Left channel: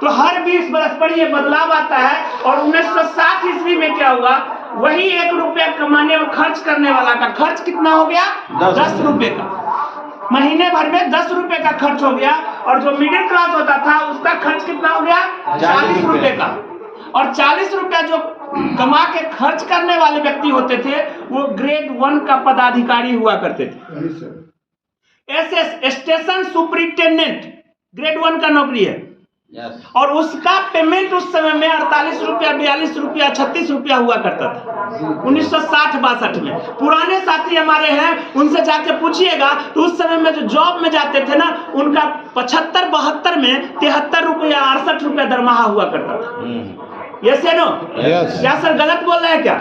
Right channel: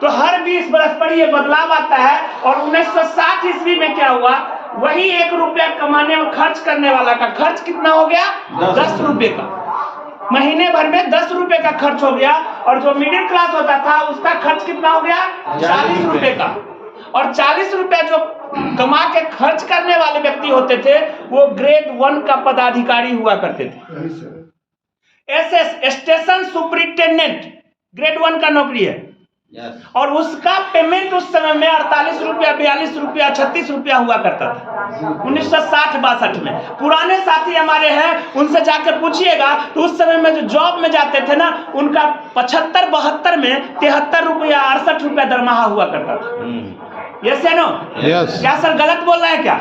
तो हर 20 बरस पर ये बदलाव आता है। और 1960 ईस्वी में क्या हुआ, वही 1 रुपया कमाने में खर्च करने वाला का खर्च कितना हो गया, 10 रुपए का। महीने भर में 10 रुपए का खर्च हो गया। और जो मिडिल क्लास होता था उसका खर्च कितना हो गया, 40 रुपए का। और 40 रुपया जो कमा के खर्च करने वाले व्यक्ति होते थे वो ग्रेड 1 का पदाधिकारी हुआ करते थे। एसएस स्टेशन सुपरिटेंडेंट ग्रेड 1 का नौकरी है। और उसका पेमेंट उस समय में 48 रुपया, 42 रुपया, 36 रुपया हुआ करता था 1960-62 में। पुराने साथी हमारे हैं, उनसे जाकर पूछिएगा तो उस समय में जो जॉब में जाते थे ना, उनका 75-72 में 73 रुपया, 68 रुपया दरमाहा हुआ करता था। यस या नो? क्या सर गलत बोल रहे हैं क्या?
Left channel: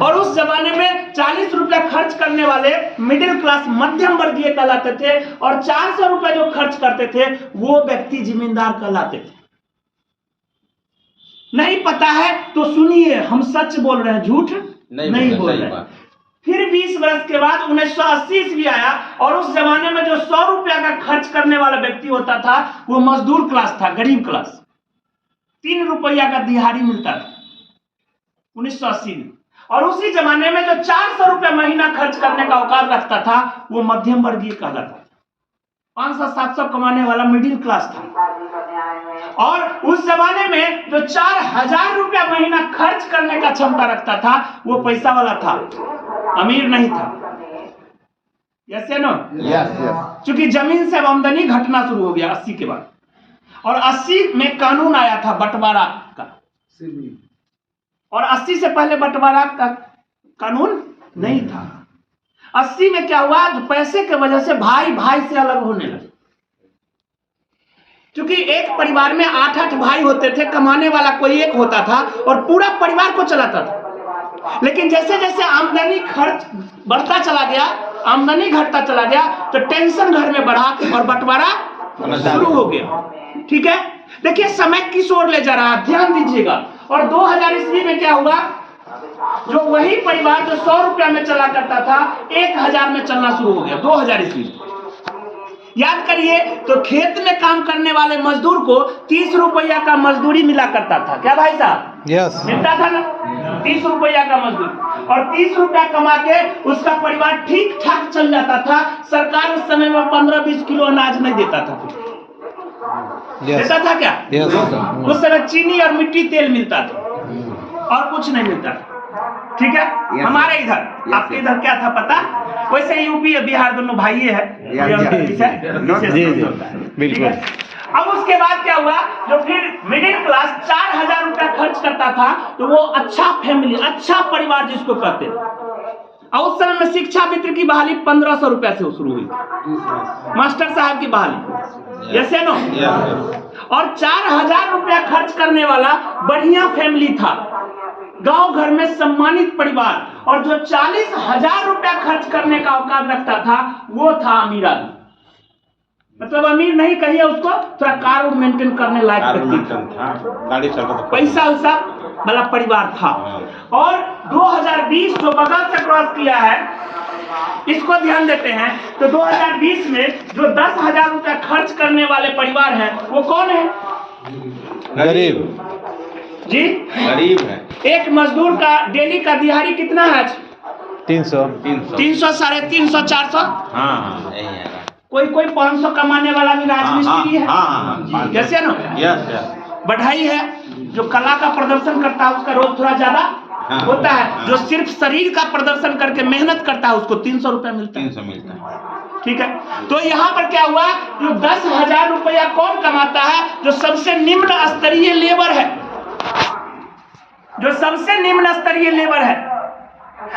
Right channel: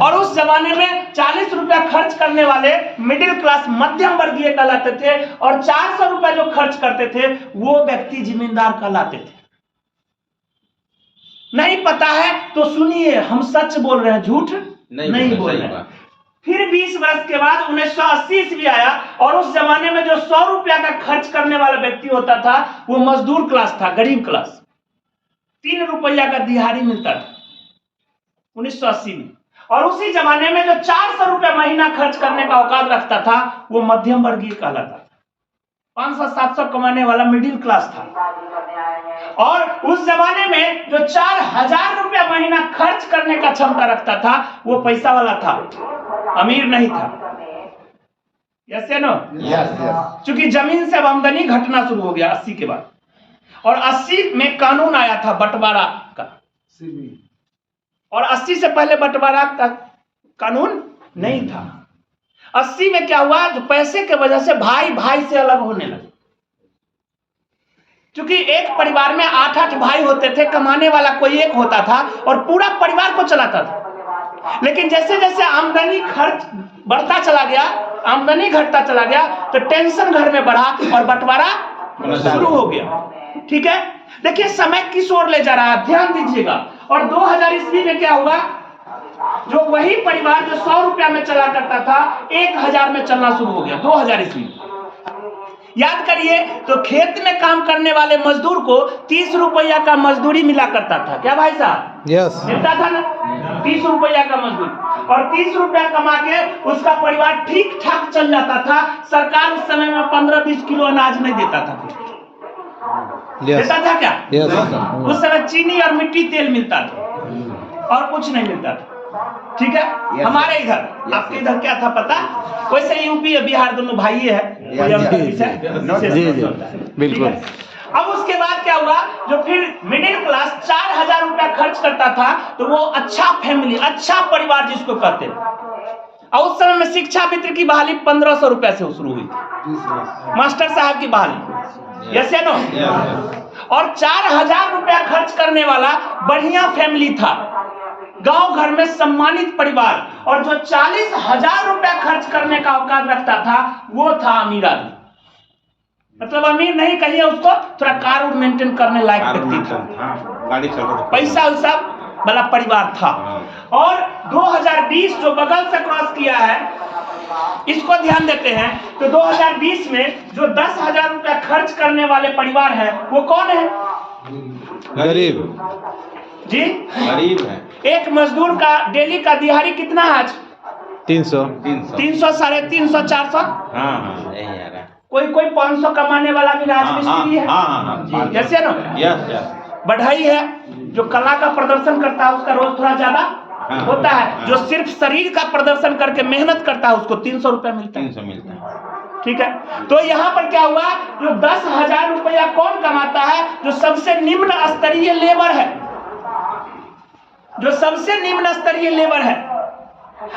और उस जमाने में 40 रुपया खर्च करने वाले मिडिल क्लास मध्यम वर्गीय कहलाते थे, और 400 रुपया जो खर्च करते थे वो व्यक्ति जिम्मेदार कहलाते थे। नहीं पता है तो सुनिए, हम सच बोल रहे हैं, झूठ नहीं बोल रहे हैं। फिर 20 वर्ष के बाद 1980 ईस्वी आया, और उस जमाने में जो 100 रुपया का खर्च करने वाला व्यक्ति होता था वो मजदूर क्लास था, गरीब क्लास। 3 रुपया का दिहाड़ी मिलता था 1980 में। और उसी जमाने में जो 400 रुपया महीना खर्च करने का औकात रखता था वो मध्यम वर्गीय कहलाता था। 500-700 कमाने वाला मिडिल क्लास था। और उस जमाने में जो 4000 रुपया महीना खर्च करने का क्षमता रखता था वो पैसा वाला था, अमीर नहीं था। यस या नो? यस। क्योंकि जमीन से अब आमदनी घटना शुरू हो गया 80 के बाद। और 80 में कानून आया था बंटवारा का, और 80 से पहले बंटवारा का कानून नहीं था। 80 में क्या हुआ, जो पैसे के वजह से भाई भाई से अलग होने लगे। क्योंकि एक परिवार में 8-8 भाई होते थे, कमाने वाला कोई एक होता था और पूरा परिवार को चलाता था। लेकिन जैसे जैसे आमदनी खर्च बढ़ता चला गया, आमदनी घटता चला गया, तो टेंशन घर में बढ़ा और बंटवारा शुरू हो गया। ठीक है, देखिए समय किस ओर ले जा रहा है, ध्यान दीजिएगा। और 2000 ईस्वी में क्या हुआ, जो वही परिवार जो 100 रुपया में चला करता था 1000 में चलना शुरू हो गया 2000 ईस्वी। याद करिए, तो खेत में काम करने वाले मजदूर को 30 रुपया का मजदूरी मिला करता था। क्या भाई साहब? यस। मिलता था ना 30 रुपया का मजदूरी। और 30 रुपया कमा के उसका परिवार ठीक ठाक चल जाता था। सरकार उस समय में 15-20 किलो अनाज नहीं देता था, देता था क्या? उस समय चीनी और मिट्टी तेल मिलता था और कुछ नहीं मिलता था। ठीक है, हमारे इधर, आपके इधर क्या था पता? वैसे यूपी और बिहार दोनों भाई है। बिल्कुल। अब उसके बाद क्या हुआ, जो फिर मिडिल क्लास 4000 रुपया खर्च करता था, तो वो अच्छा फैमिली, अच्छा परिवार जिसको कहते हैं। और उस समय में शिक्षा मित्र की बहाली 1500 रुपया से शुरू हुई, मास्टर साहब की बहाली। यस या नो? और 4000 रुपया खर्च करने वाला बढ़िया फैमिली था, गांव घर में सम्मानित परिवार। और जो 40,000 रुपया खर्च करने का औकात रखता था वो था अमीर आदमी। मतलब अमीर नहीं कहिए उसको, थोड़ा कार मेंटेन करने लायक व्यक्ति था, गाड़ी चलता था, पैसा वैसा वाला परिवार था। और 2020 जो बगल से क्रॉस किया है, इसको ध्यान देते हैं। तो 2020 में जो 10,000 रुपया खर्च करने वाले परिवार है वो कौन है? गरीब जी, गरीब है। एक मजदूर का डेली का दिहाड़ी कितना है आज? 300, 300, 350, 400। हाँ यही है। कोई 500 कमाने वाला भी राजमिस्त्री है। जैसे ना बढ़ाई है, जो कला का प्रदर्शन करता है उसका रोज थोड़ा ज्यादा होता है। जो सिर्फ शरीर का प्रदर्शन करके मेहनत करता है उसको 300 रुपया मिलता है। 300 मिलता है। ठीक है, तो यहाँ पर क्या हुआ, जो 10,000 रुपया कौन कमाता है? जो सबसे निम्न स्तरीय लेबर है, जो सबसे निम्न स्तरीय लेबर है।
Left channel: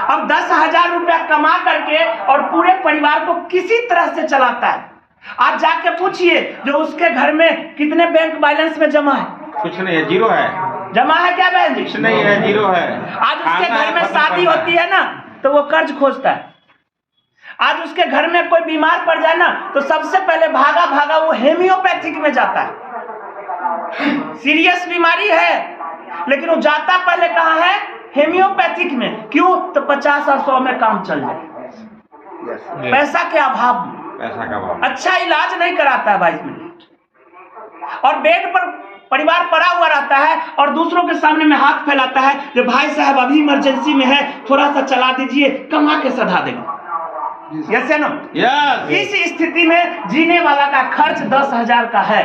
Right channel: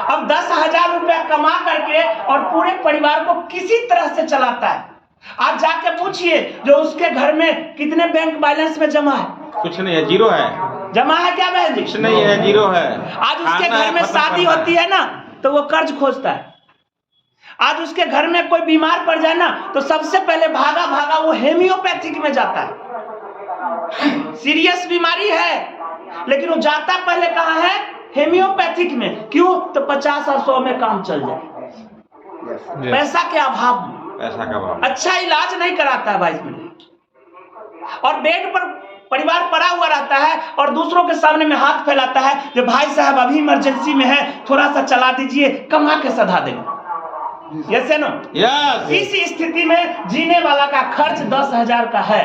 अब 10,000 रुपया कमा करके और पूरे परिवार को किसी तरह से चलाता है। आप जाके पूछिए जो उसके घर में कितने बैंक बैलेंस में जमा है? कुछ नहीं है, जीरो है। जमा है क्या बहन जी? कुछ नहीं है, जीरो है। आज उसके घर में शादी होती है ना तो वो कर्ज खोजता है। आज उसके घर में कोई बीमार पड़ जाए ना तो सबसे पहले भागा भागा वो हेमियोपैथिक में जाता है। सीरियस बीमारी है लेकिन वो जाता पहले कहाँ है? हेमियोपैथिक में। क्यों? तो 50 और 100 में काम चल जाए। पैसा के अभाव में, पैसा का अभाव, अच्छा इलाज नहीं कराता है 22 मिनट। और बेड पर परिवार पड़ा हुआ रहता है और दूसरों के सामने में हाथ फैलाता है कि भाई साहब अभी इमरजेंसी में है, थोड़ा सा चला दीजिए, कमा के सधा देगा। यस या नो? यस। इस स्थिति में जीने वाला का खर्च 10,000 का है।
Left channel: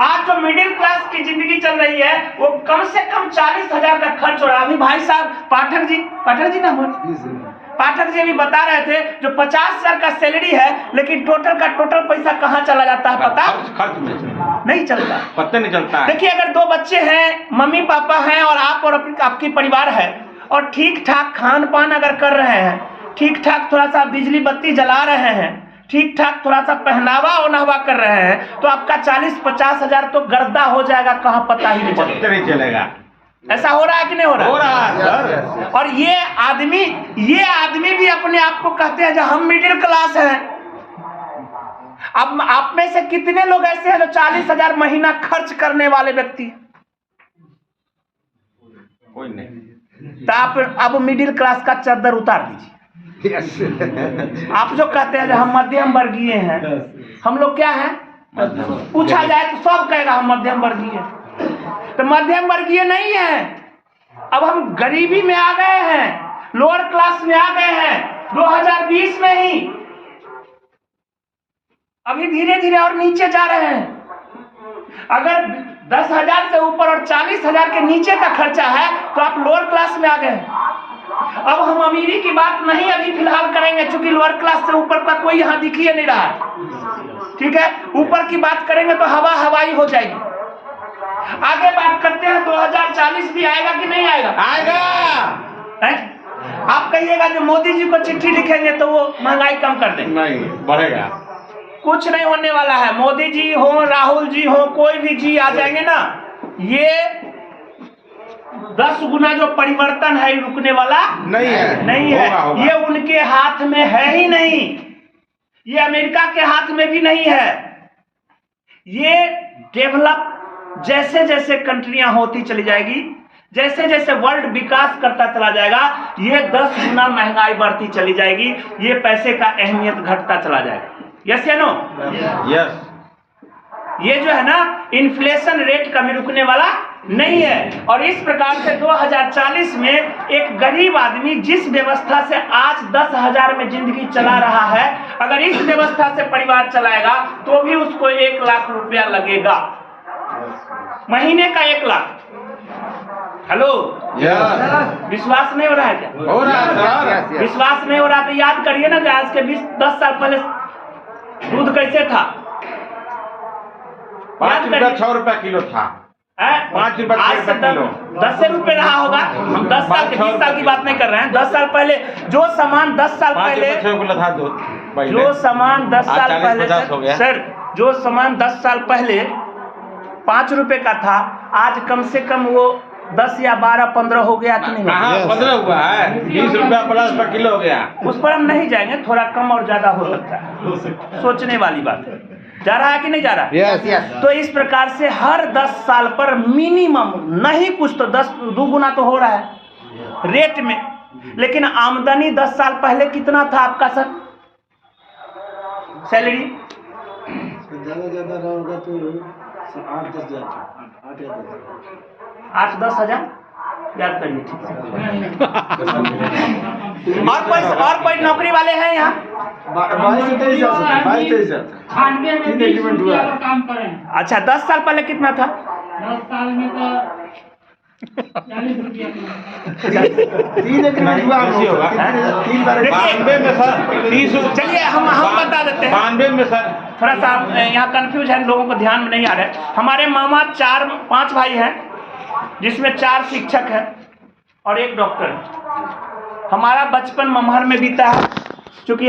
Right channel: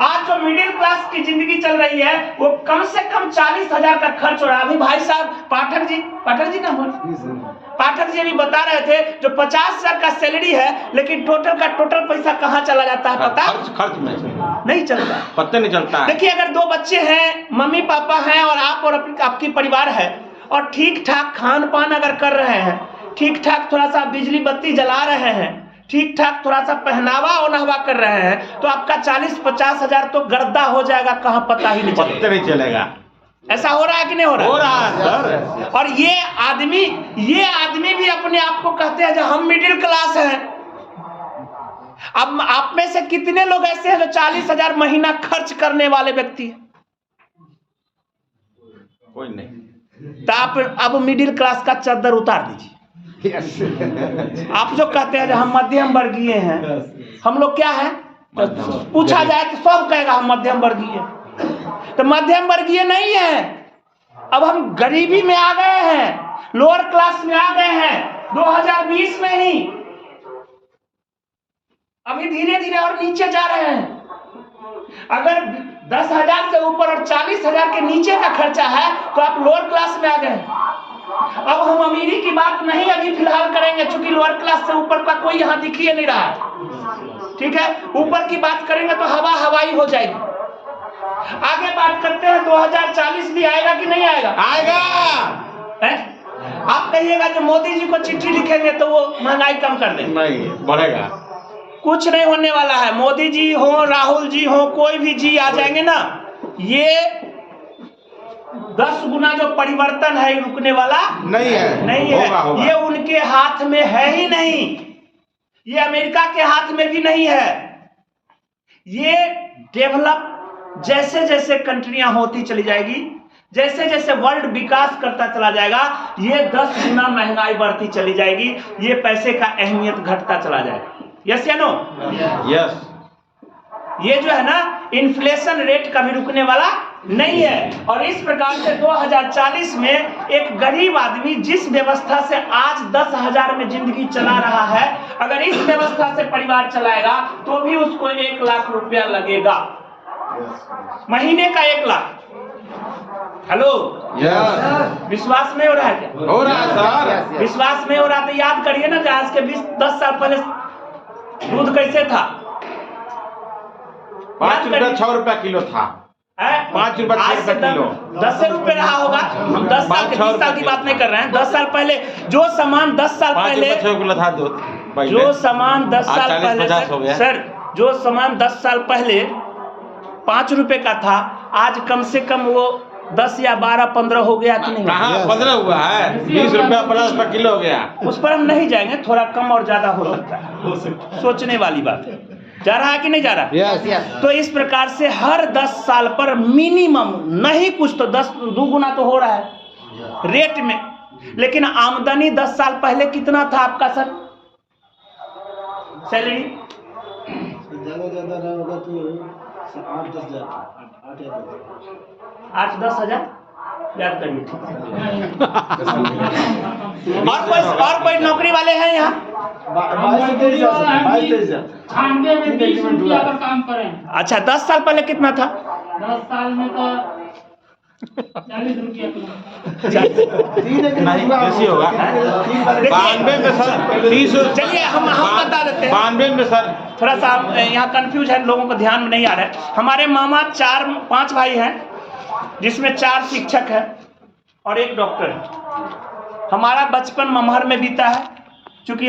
आज जो मिडिल क्लास की जिंदगी चल रही है वो कम से कम 40,000 का खर्च हो रहा है। अभी भाई साहब पाठक जी ना पाठक जी अभी बता रहे थे जो 50,000 का सैलरी है, लेकिन टोटल का टोटल पैसा कहाँ चला जाता है पता? खर्च में नहीं चलता, पता नहीं चलता है। देखिए अगर 2 बच्चे हैं, मम्मी पापा हैं और आप और आपकी परिवार है, और ठीक ठाक खान पान अगर कर रहे हैं, ठीक ठाक थोड़ा सा बिजली बत्ती जला रहे हैं, ठीक ठाक थोड़ा सा पहनावा ओनावा कर रहे हैं, तो आपका 40-50 हजार तो गर्दा हो जाएगा, कहाँ पता ही नहीं चलेगा। पता नहीं चलेगा। ऐसा हो रहा है कि नहीं हो रहा? हो रहा है सर। और ये आदमी भी अपने आप को कहते हैं जो हम मिडिल क्लास हैं। अब आप में से कितने लोग ऐसे हैं जो 40,000 महीना खर्च करने वाले व्यक्ति हैं? कोई नहीं। तो आप अब मिडिल क्लास का चद्दर उतार दीजिए। आप जो कहते हैं जो हम मध्यम वर्गीय हैं, हम लोग क्या हैं? पूछा जाए तो सब कहेगा हम मध्यम वर्गीय। तो मध्यम वर्गीय नहीं है, अब हम गरीबी में आ गए हैं, लोअर क्लास में आ गए हैं 2020 में ही। अभी धीरे धीरे और नीचे जा रहे हैं। अगर 10,000 से ऊपर और 40,000 के नीचे का खर्चा है तो आप लोअर क्लास में आ गए। अब हम अमीरी की बात नहीं अभी फिलहाल करेंगे, क्योंकि लोअर क्लास से ऊपर का कोई यहाँ दिख ही नहीं रहा है। ठीक है, ऊपर की बात करेंगे तो हवाई हो जाएगी। आगे बात करते हैं 2040 भी आएगा कि नहीं आएगा? आएगा। आप कहिएगा जो मोदी जी को चिट्ठी लिखेंगे तो वो महंगाई कम कर देंगे। नहीं, बढ़ेगा। कुछ नहीं होने वाला है। मोदी जी हो, राहुल जी हो, कोई भी जी आ जाएंगे ना, ये 10 गुना जो परिवर्तन है रुकने वाला नहीं है। नहीं होगा, है। होगा। ये उनके हाथ में है ही नहीं, ये अमेरिका के हाथ में भी नहीं है। ये डेवलप जैसे जैसे कंट्रियां होती चली जाएगी, जैसे जैसे वर्ल्ड विकास करता चला जाएगा, ये 10 गुना महंगाई बढ़ती चली जाएगी, ये पैसे का अहमियत घटता चला जाएगा। यस या नो? यस। ये जो है ना इन्फ्लेशन रेट कभी रुकने वाला नहीं है। और इस प्रकार से 2040 में एक गरीब आदमी जिस व्यवस्था से आज 10,000 में जिंदगी चला रहा है, अगर इस व्यवस्था से परिवार चलाएगा तो भी उसको 1 लाख रुपया लगेगा, महीने का 1 लाख। Hello, yes. विश्वास नहीं हो रहा है क्या? हो रहा है सर। विश्वास नहीं हो रहा तो याद करिए ना कि आज के 10 साल पहले दूध कैसे था? 5 रुपया 6 रुपया किलो था। 5 रुपया 6 रुपया किलो। 10 रुपए रहा होगा। हम 10 साल 20 साल की बात नहीं कर रहे हैं। 10 साल पहले जो सामान 10 साल 5 पहले रुपया 6 रुपया था दूध। जो सामान 10 आज साल 40-50 हो पहले गया। सर, जो सामान 10 साल पहले 5 रुपए का था, आज कम से कम वो 10 या 12-15 हो गया कि नहीं? कहाँ 15 हुआ है? 20 रुपया प्लस पर किलो हो गया। उस पर हम नहीं जाएंगे, थोड़ा कम और ज्यादा हो सकता है, सोचने वाली बात है। जा रहा है कि नहीं जा रहा? Yes yes. तो इस प्रकार से हर 10 साल पर मिनिमम नहीं कुछ तो 2 गुना तो हो रहा है रेट में। लेकिन आमदनी 10 साल पहले कितना था आपका सर सैलरी? ज्यादा रहा होगा तो 8-10 हजार, 8 या 10। 8-10 हजार याद करिए, ठीक है। और कोई नौकरी वाले हैं यहाँ? 22-23 हजार, 22-23 हजार। 98 में 20 रुपया पर काम करें। अच्छा, 10 साल पहले कितना था? 10 साल में तो 40 रुपया किलो। 3 एग्रीमेंट हुआ ऐसी होगा। 3 बार। 92 में सर 30। चलिए हम बता देते हैं। 92 में सर थोड़ा सा यहाँ कंफ्यूज है, लोगों को ध्यान में नहीं आ रहा है। हमारे मामा 4-5 भाई हैं, जिसमें 4 शिक्षक हैं और 1 डॉक्टर है। हमारा बचपन मम्हर में बीता है, क्योंकि